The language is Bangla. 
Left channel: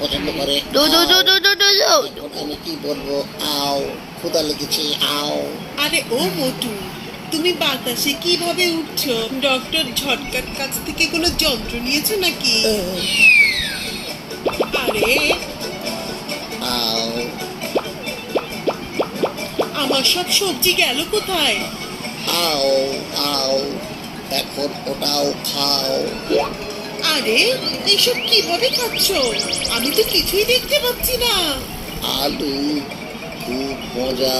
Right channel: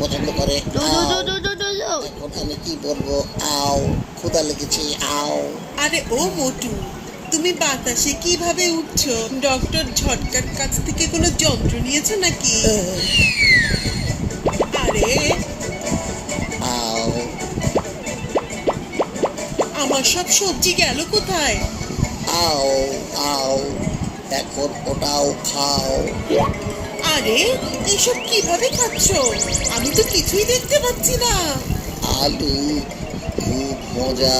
পছন্দ করে। আমি কি বলবো, আও ক্ষুধা লেগেছে, আও। আরে ও মোটু, তুমি বাতাসে কিভাবে উঠছো? ডক্টর ঝটকার কাছ থেকে কোনো যন্ত্র নিয়েছো নাকি? আরে আও আমার সব সবজি গেল কোথায়? আও আও, এখন ওটাও খাও। আরে এসব কিভাবে খাচ্ছো? আমি তো কিছুই দেখতে পাচ্ছি না। আলু খুব মজা।